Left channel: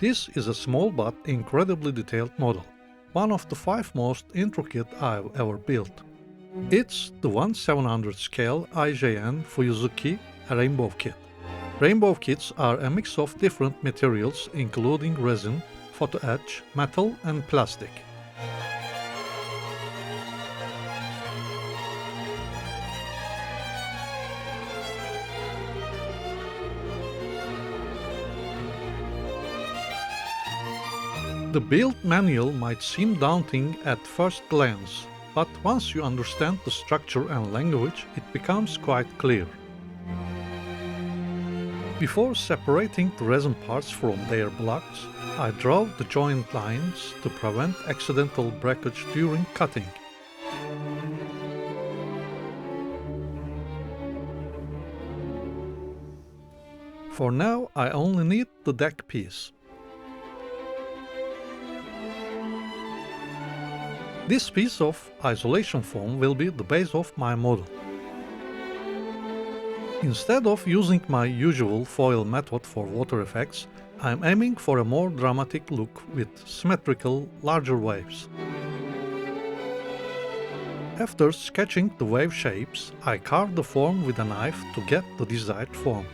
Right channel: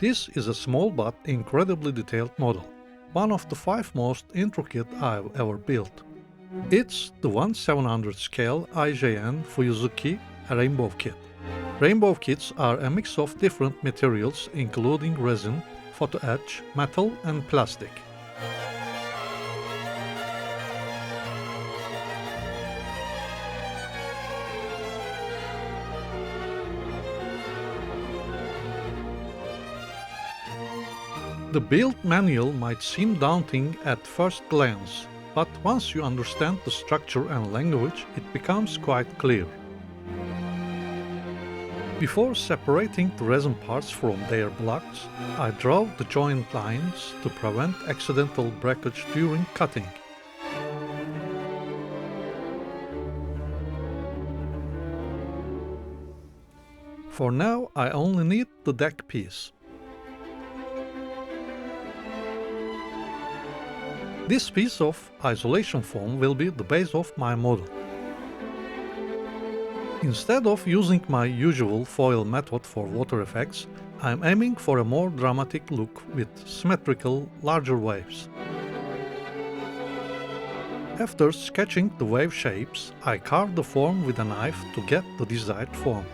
This is a small but incredibly detailed model, one of the 5 most intricate I've ever built. It's the 1/700 scale IJN Fuyuzuki Rainbow Kit. Rainbow kits are a mix of different materials including resin, photo etch, metal and plastic. The build manual might seem daunting at first glance, but once you understand the structure and language, it becomes quite clear. Before separating the resin parts from their blocks, I draw the joint lines to prevent accidental breakage during cutting. For now, I only need the deck piece. This piece of isolation foam will be the base of my model. Instead of using my usual foil method for water effects, I am aiming for a more dramatic look with symmetrical, larger waves. After sketching the wave shapes, I carve the form with a knife to get the desired form.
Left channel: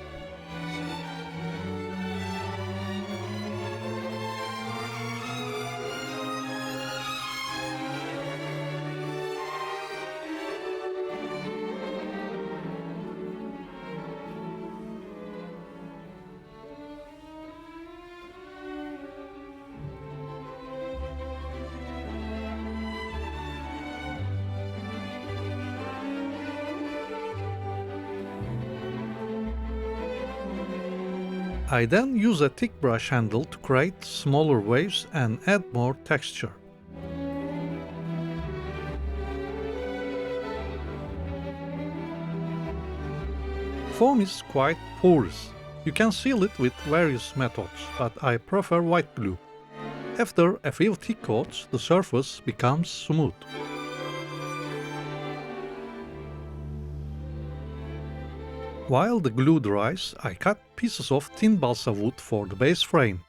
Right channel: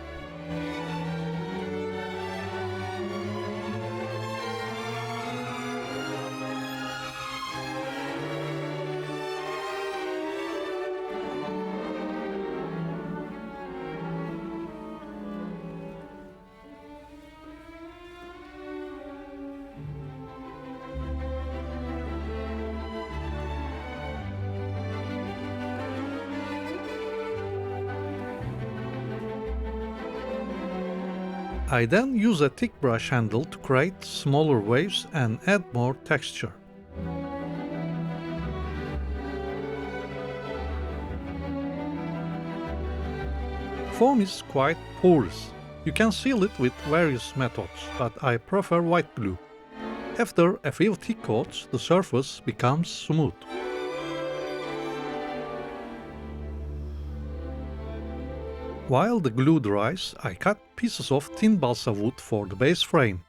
I then use a thick brush handle to create smaller waves and add more texture. Foam is quite porous. You can seal it with various methods, but I prefer white glue. After a few thick coats, the surface becomes smooth. While the glue dries, I cut pieces of thin balsa wood for the base frame.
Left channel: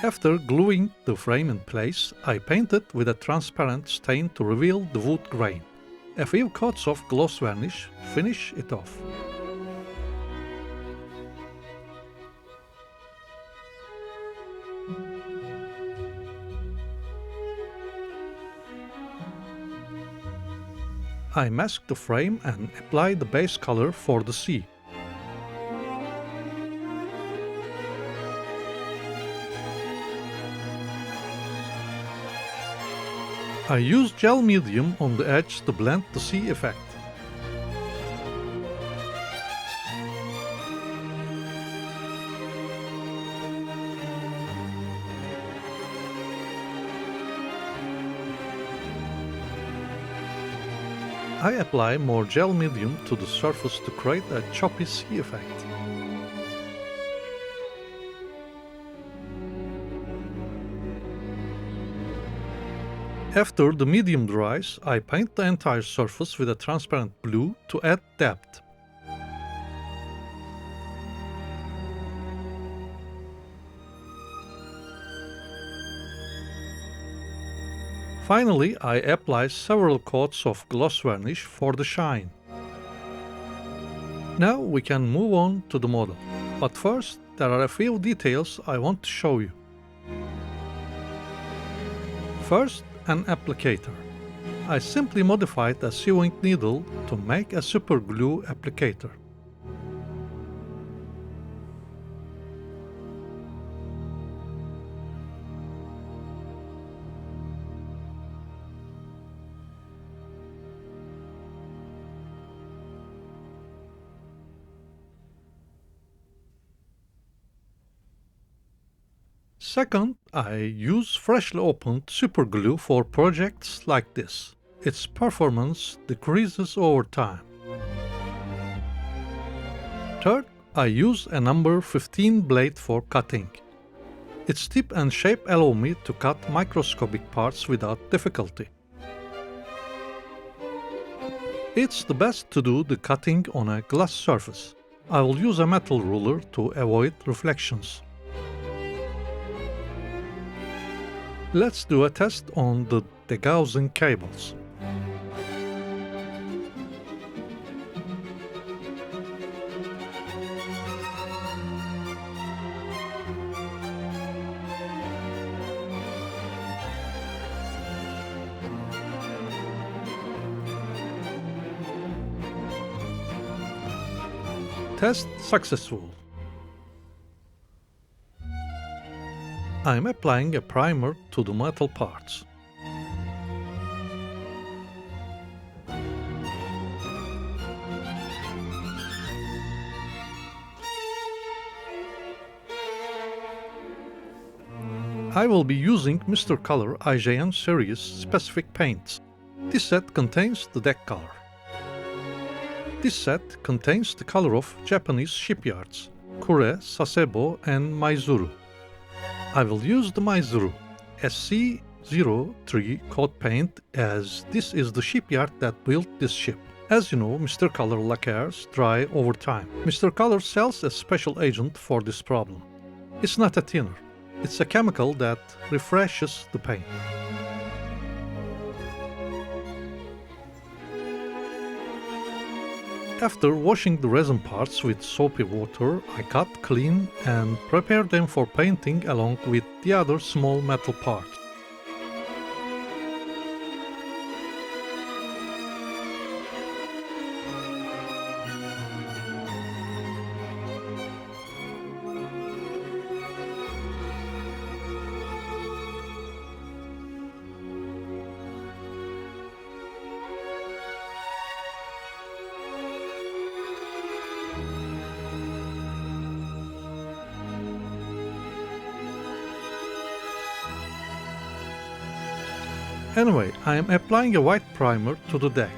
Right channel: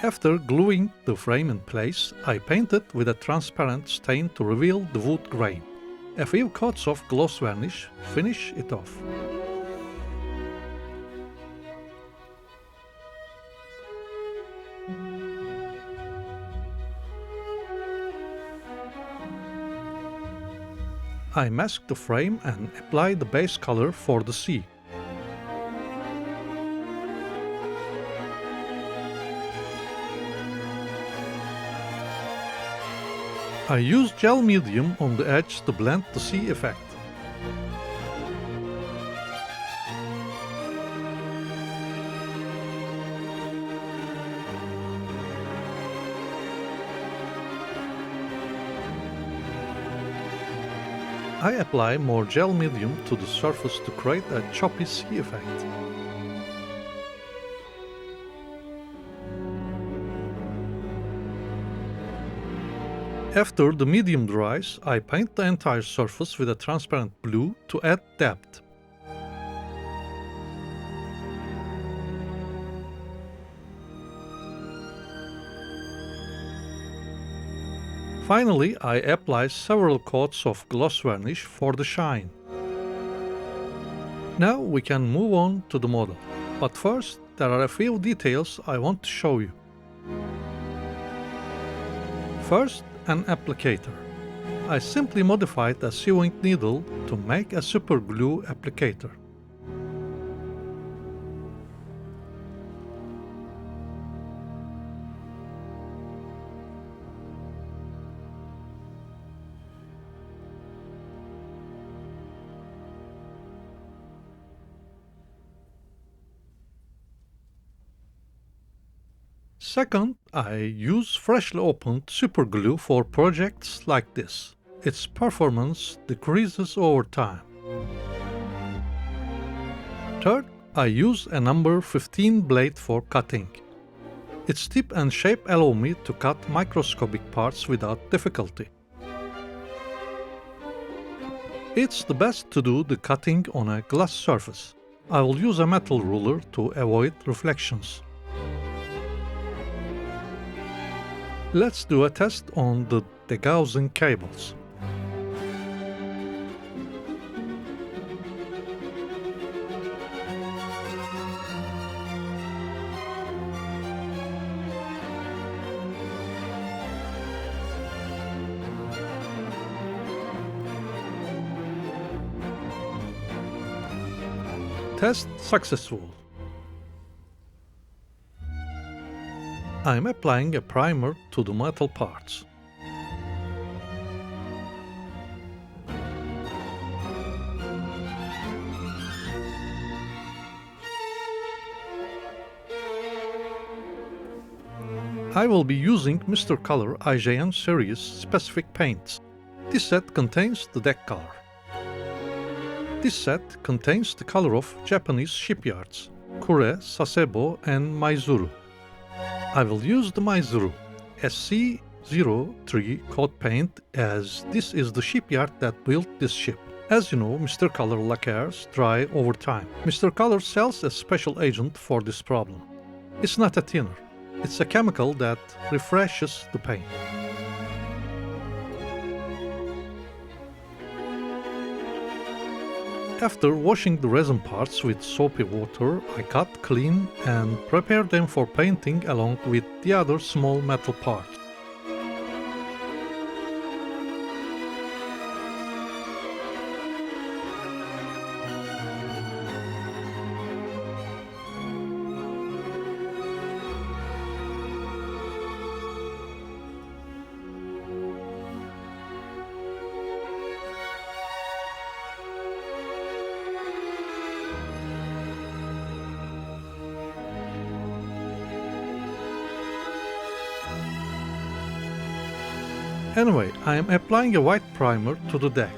After gluing the frame in place, I painted with a transparent stain to reveal the wood grain. A few coats of gloss varnish finish it off. I mask the frame and apply the base color for the sea. I use gel medium on the edge to blend the sea effect. I apply more gel medium to the surface to create a choppy sea effect. After the medium dries, I paint the entire surface with a transparent blue to add depth. Finally, I apply several coats of gloss varnish for the shine. Now we can move on to the model, but first there are a few details I want to show you. First, an applicator. I simply modified a sewing needle to make a super glue applicator. Second, I use freshly opened super glue for projects like this. its performance decreases over time. Third, I use a number 15 blade for cutting. Its tip and shape allow me to cut microscopic parts without difficulty. It's the best to do the cutting on a glass surface. I will use a metal ruler to avoid reflections. Let's do a test on the degaussing cables. Test successful. I am applying a primer to the metal parts. I will be using Mr. Color IJN series specific paints. This set contains the deck color. This set contains the color of Japanese shipyards, Kure, Sasebo and Maizuru. I will use the Maizuru SC03 coat paint as this is the shipyard that built this ship. As you know, Mr. Color lacquers dry over time. Mr. Color sells a special agent for this problem. It's not a thinner, it's a chemical that refreshes the paint. After washing the resin parts with soapy water, I cut, clean and prepare them for painting along with the other small metal parts. Anyway, I am applying a white primer to the deck.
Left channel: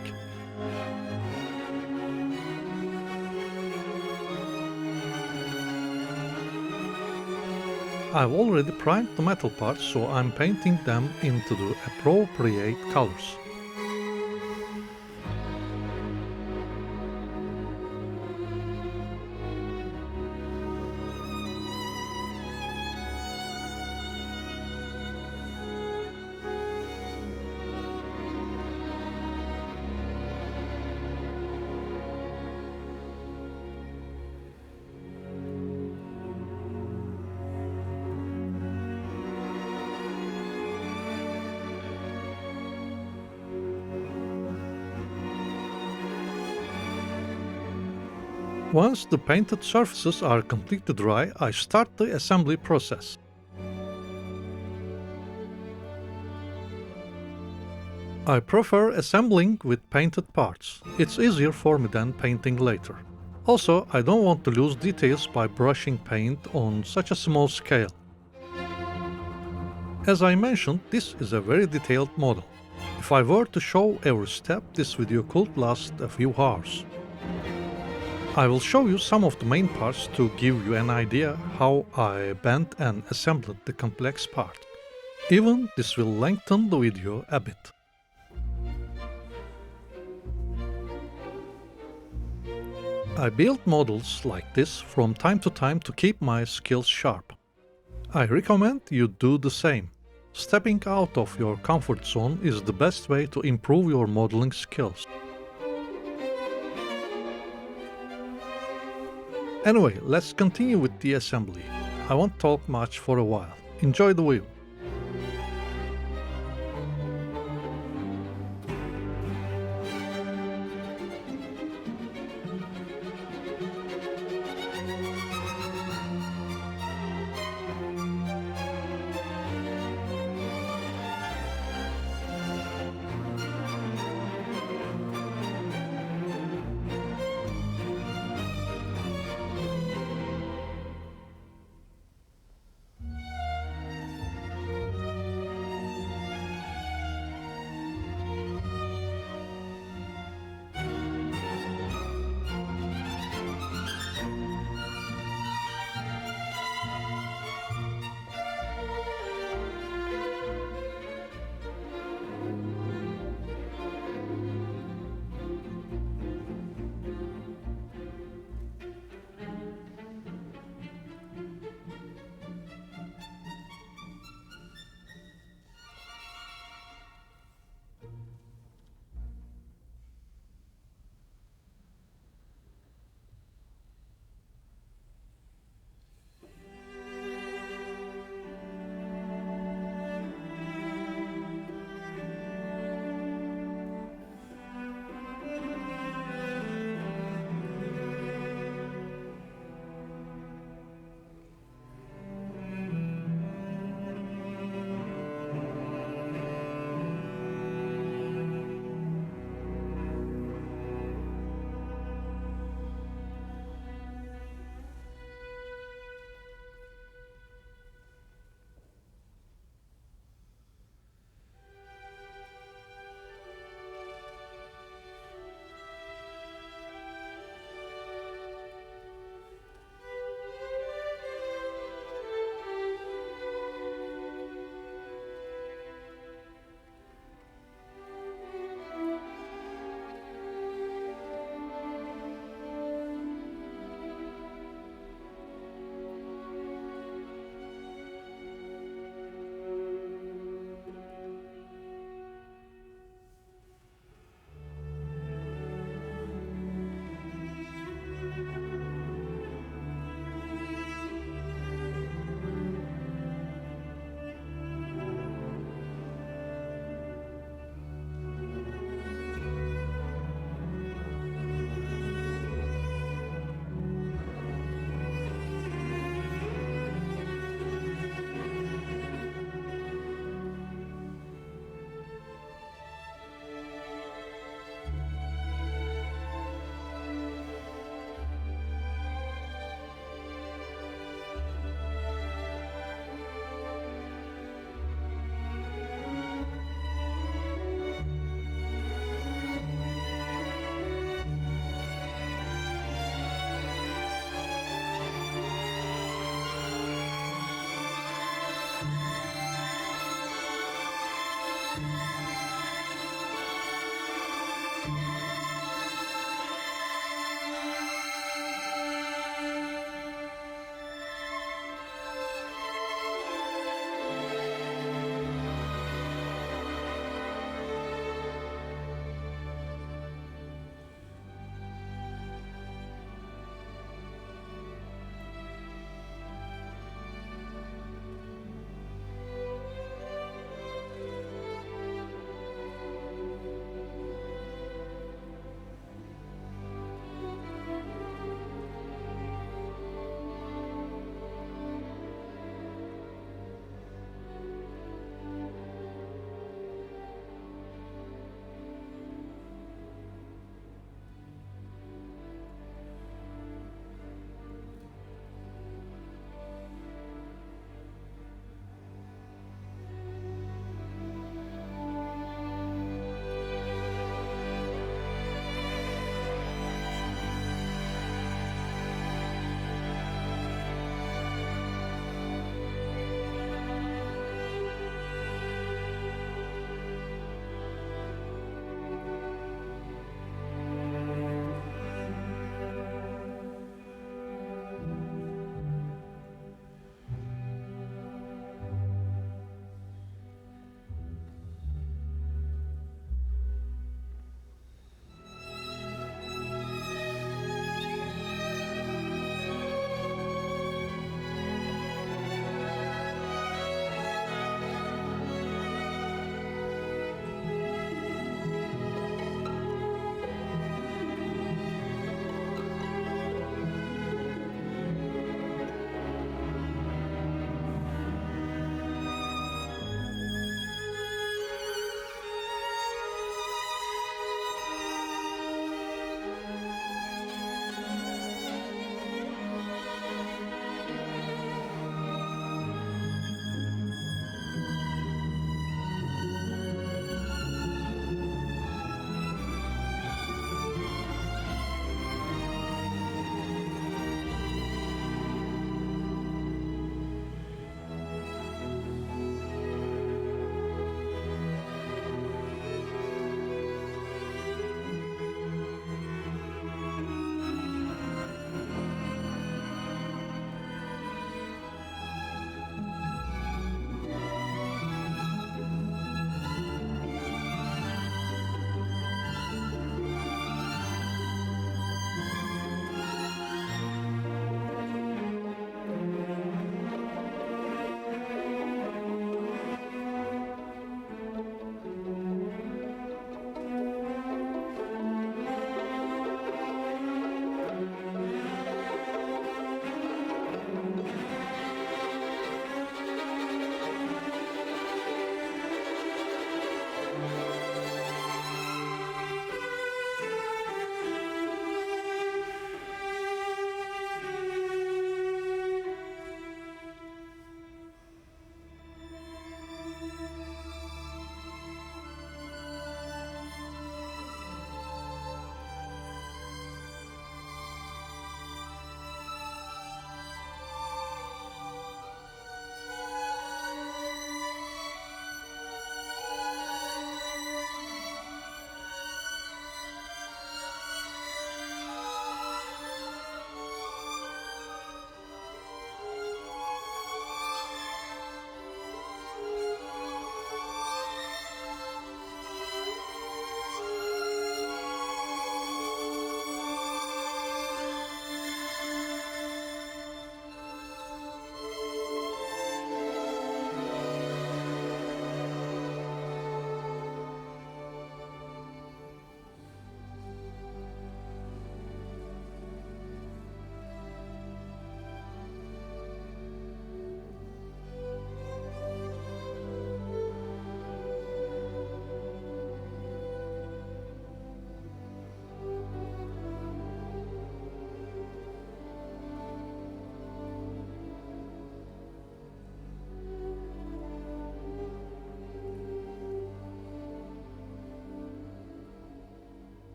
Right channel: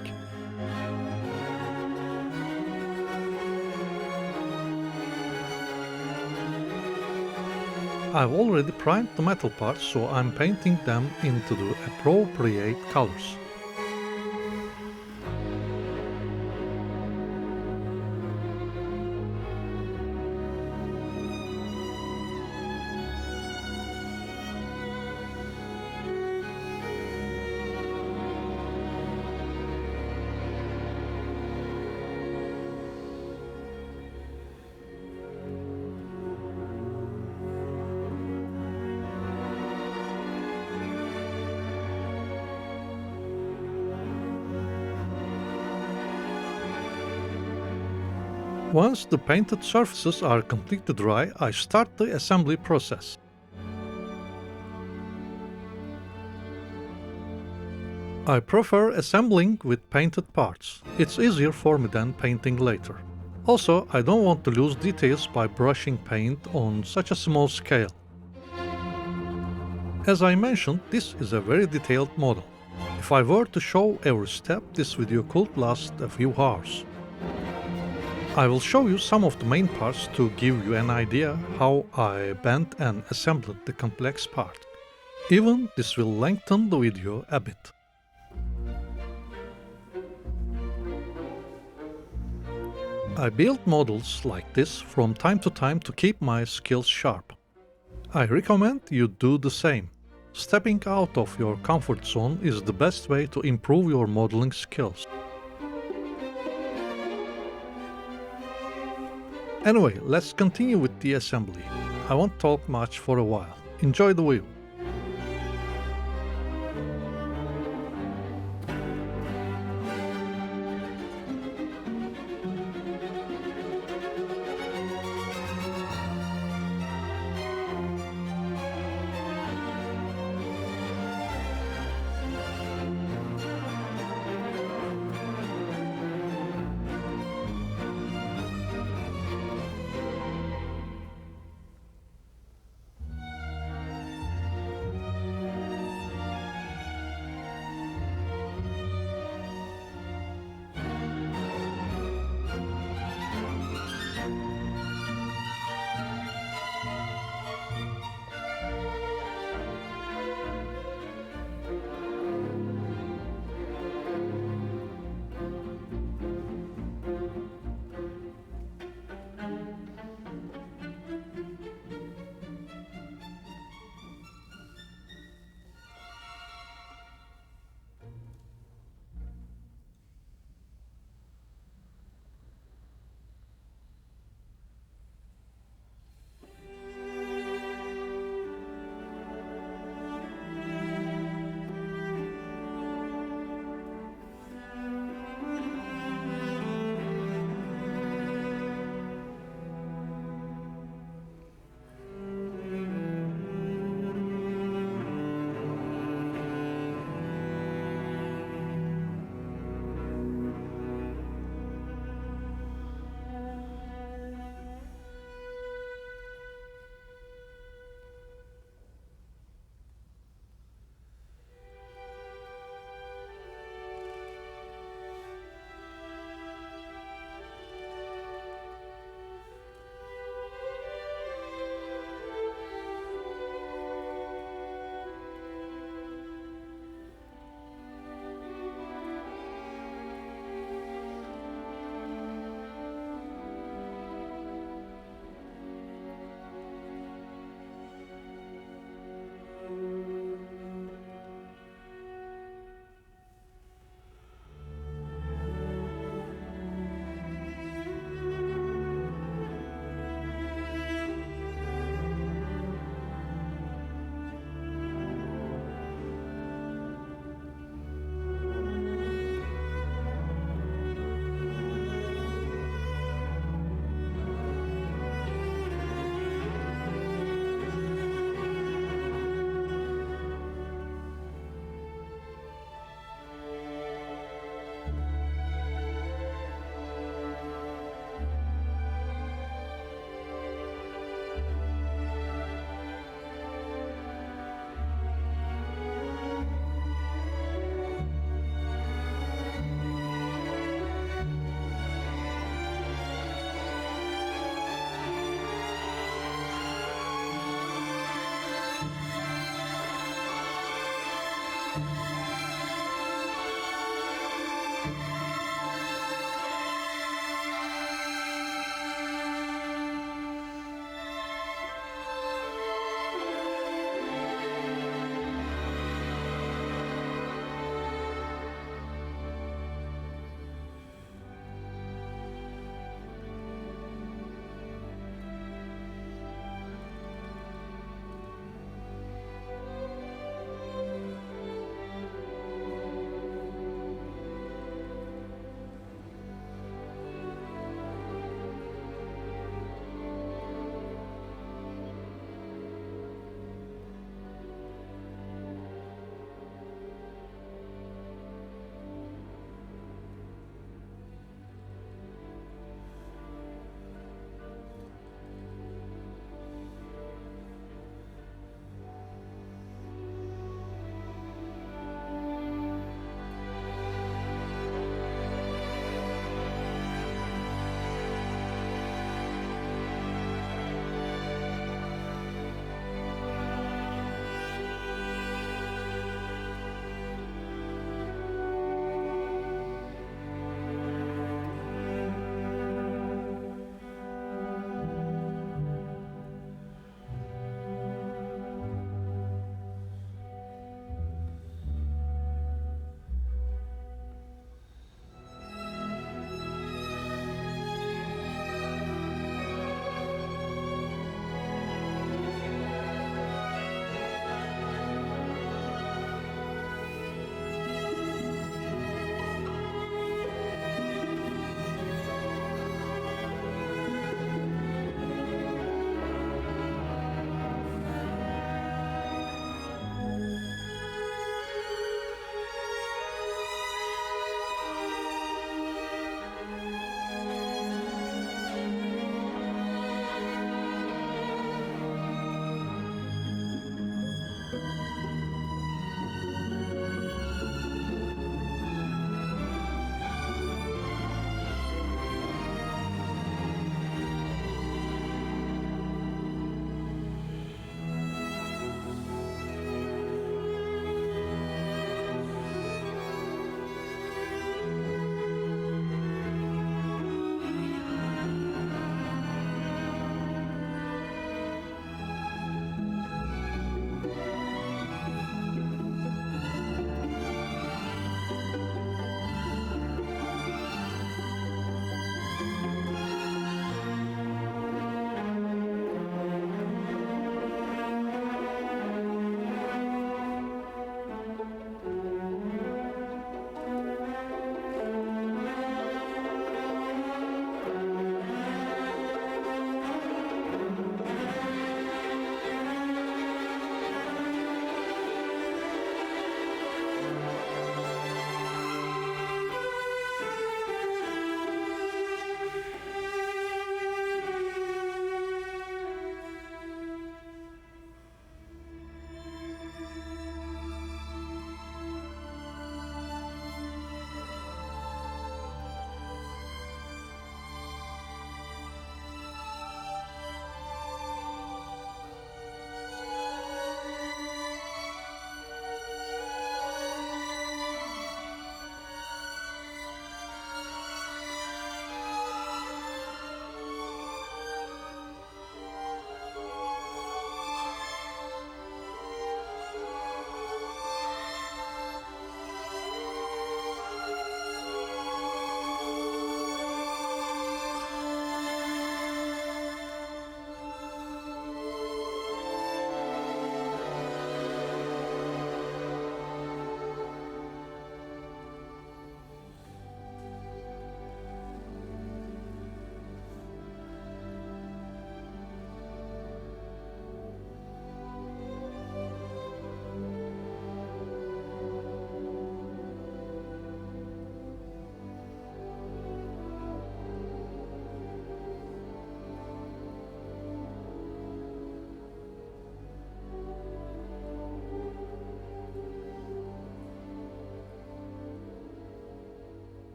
I've already primed the metal parts, so I'm painting them into the appropriate colors. Once the painted surfaces are completely dry, I start the assembly process. I prefer assembling with painted parts. It's easier for me than painting later. Also, I don't want to lose details by brushing paint on such a small scale. As I mentioned, this is a very detailed model. If I were to show every step, this video could last a few hours. I will show you some of the main parts to give you an idea how I bent and assembled the complex part. Even this will lengthen the video a bit. I build models like this from time to time to keep my skills sharp. I recommend you do the same. Stepping out of your comfort zone is the best way to improve your modeling skills. Anyway, let's continue with the assembly. I won't talk much for a while. Enjoy the view.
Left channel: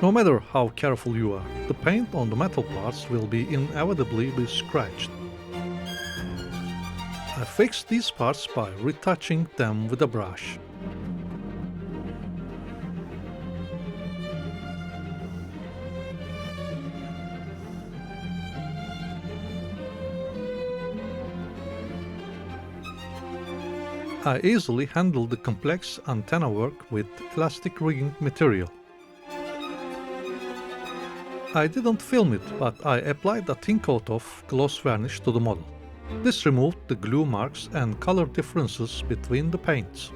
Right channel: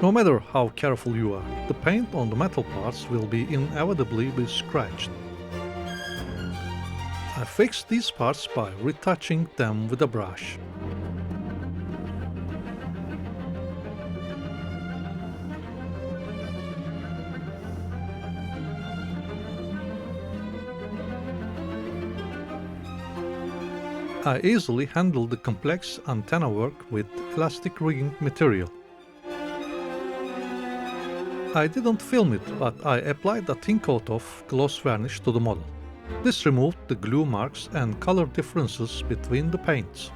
No matter how careful you are, the paint on the metal parts will inevitably be scratched. I fixed these parts by retouching them with a brush. I easily handled the complex antenna work with elastic rigging material. I didn't film it, but I applied a thin coat of gloss varnish to the model. This removed the glue marks and color differences between the paints.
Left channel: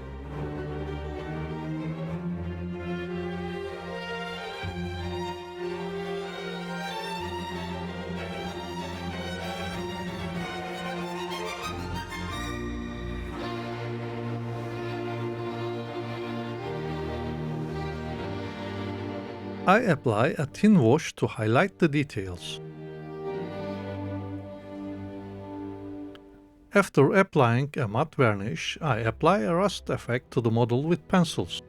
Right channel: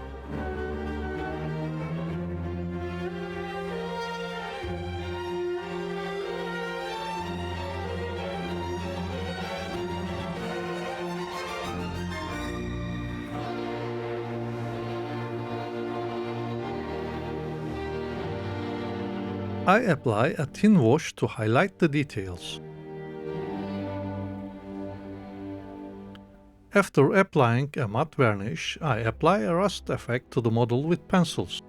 I apply a thin wash to highlight the details. After applying a matte varnish, I apply a rust effect to the model with pencils.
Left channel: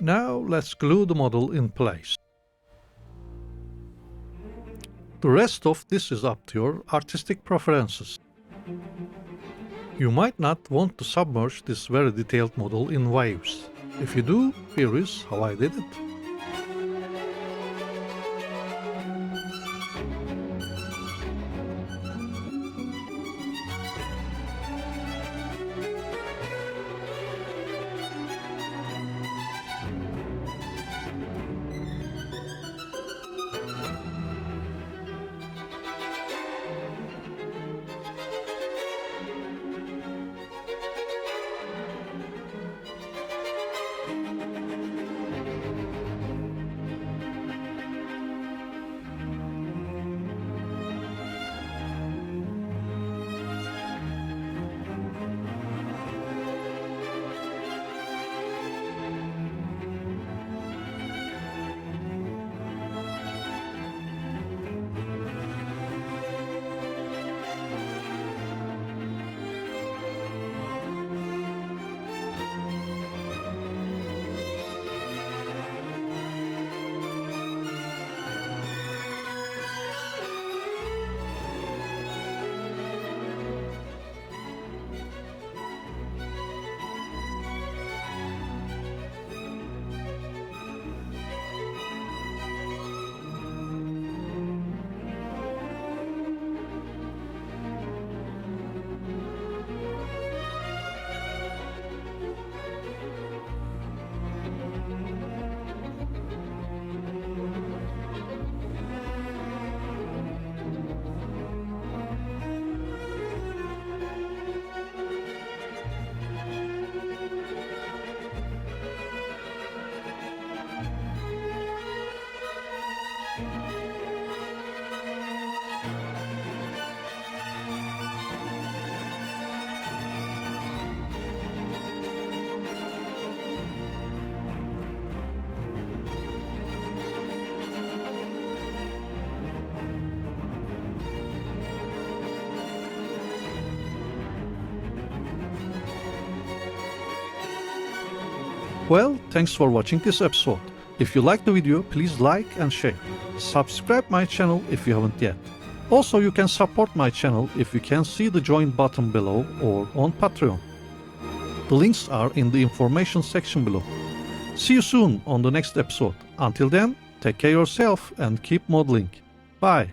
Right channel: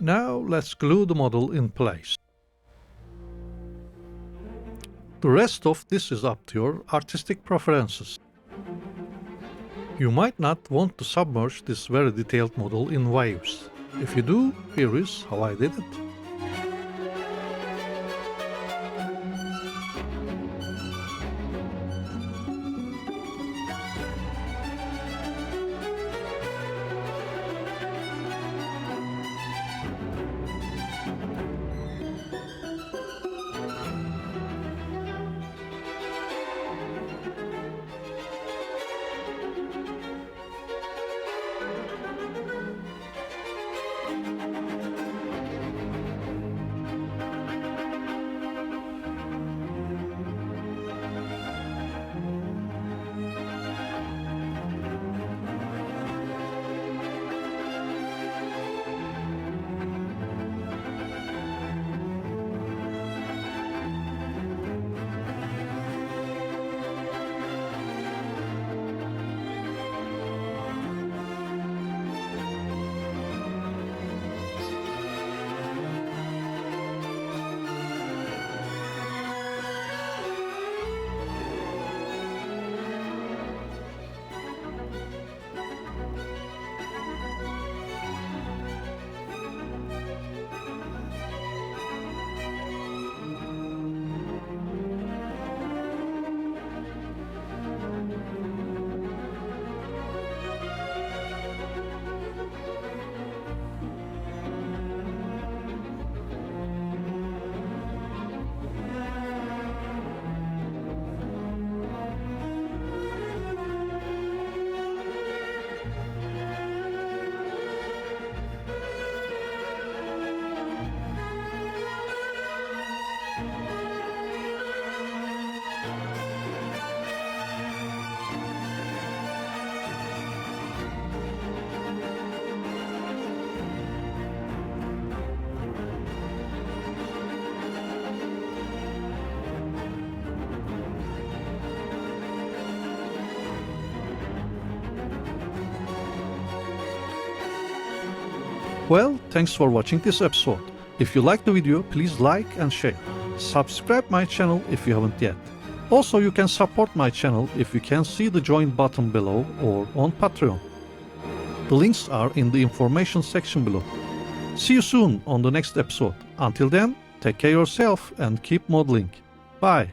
Now let's glue the model in place. The rest of this is up to your artistic preferences. You might not want to submerge this very detailed model in waves. If you do, here is how I did it. Well, thanks for watching this episode. If you liked the video, please like and share. Subscribe my channel if you haven't yet. Also, you can support my channel if you can see the join button below or on Patreon. The links are in the information section below. See you soon on the next episode. Until then, take care of yourself and keep modeling. Bye.